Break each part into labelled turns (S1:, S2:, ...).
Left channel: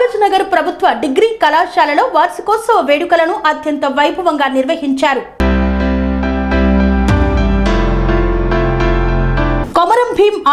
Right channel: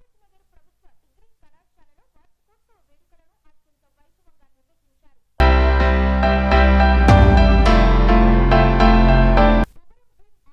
S1: కాగజ్ నగర్ ప్రభుత్వ డిగ్రీ కళాశాలలో వార్షికోత్సవ వేడుకలను అత్యంత వైభవంగా నిర్వహించారు.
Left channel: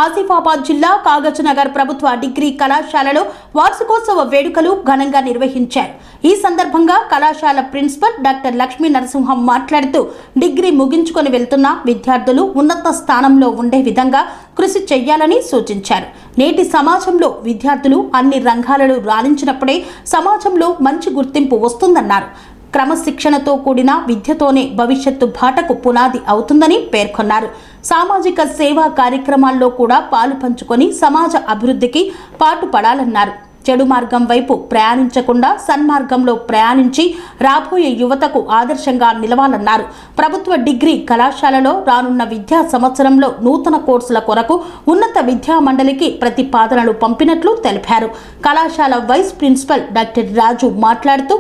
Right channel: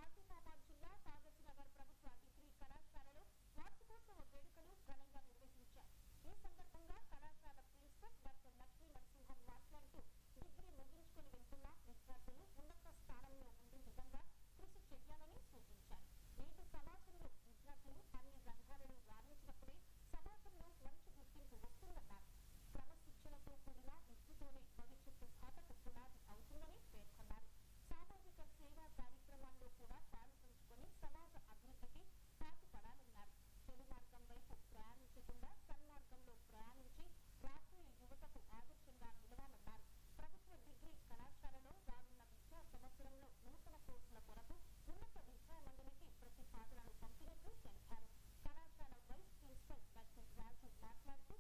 S1: ఆసిఫాబాద్ జిల్లా కాగజ్ నగర్ ప్రభుత్వ డిగ్రీ కళాశాలలో వార్షికోత్సవ వేడుకలు ఘనంగా నిర్వహించారు. ఈ సందర్భంగా కళాశాల ప్రిన్సిపల్ డాక్టర్ లక్ష్మీ నరసింహం మాట్లాడుతూ డిగ్రీ ముగించుకొని వెళ్తున్న విద్యార్థులు ఉన్నత స్థానంలో ఉండే విధంగా కృషి చేయాలని సూచించారు. నేటి సమాజంలో విద్యార్థులు అన్ని రంగాలలో రాణించినప్పుడే సమాజంలో మంచి గుర్తింపు వస్తుందన్నారు. క్రమశిక్షణతో కూడిన విద్యతోనే భవిష్యత్తు బాటకు పునాది అవుతుందని పేర్కొన్నారు. సామాజిక సేవా కార్యక్రమాల్లో కూడా పాలు పంచుకొని సమాజ అభివృద్ధికి పాటుపడాలన్నారు. చెడు మార్గం వైపు ప్రయాణించకుండా సన్మార్గంలో ప్రయాణించి రాబోయే యువతకు ఆదర్శంగా నిలవాలన్నారు. ప్రభుత్వ డిగ్రీ కళాశాలలో రానున్న విద్యా సంవత్సరంలో నూతన కోర్సుల కొరకు ఉన్నత విద్యా మండలికి ప్రతిపాదనలు పంపినట్లు తెలిపారు. కళాశాల వైస్ ప్రిన్సిపల్ డాక్టర్ రాజు మాట్లాడుతూ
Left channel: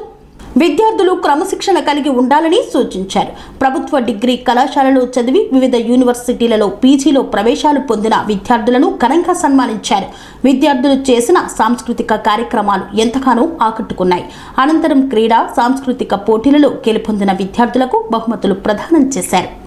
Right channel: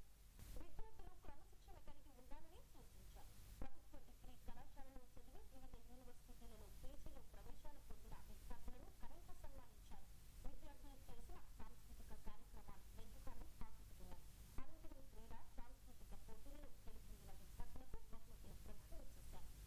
S1: విద్యార్థులు క్రమశిక్షణ కలిగి ఉండాలని సూచించారు. ప్రభుత్వ డిగ్రీ కళాశాలలో చదివి వివిధ యూనివర్సిటీలలో పీజీలో ప్రవేశాలు పొందిన విద్యార్థులను ఘనంగా సన్మానించారు. విద్యార్థులు చేసిన సాంస్కృతిక కార్యక్రమాలు ఎంతగానో ఆకట్టుకున్నాయి. అనంతరం క్రీడా సాంస్కృతిక పోటీలలో గెలుపొందిన విద్యార్థులకు బహుమతులు ప్రదానం చేశారు.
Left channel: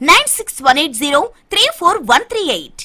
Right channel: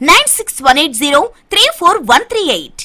S2: Nine six one eight zero three four one three eight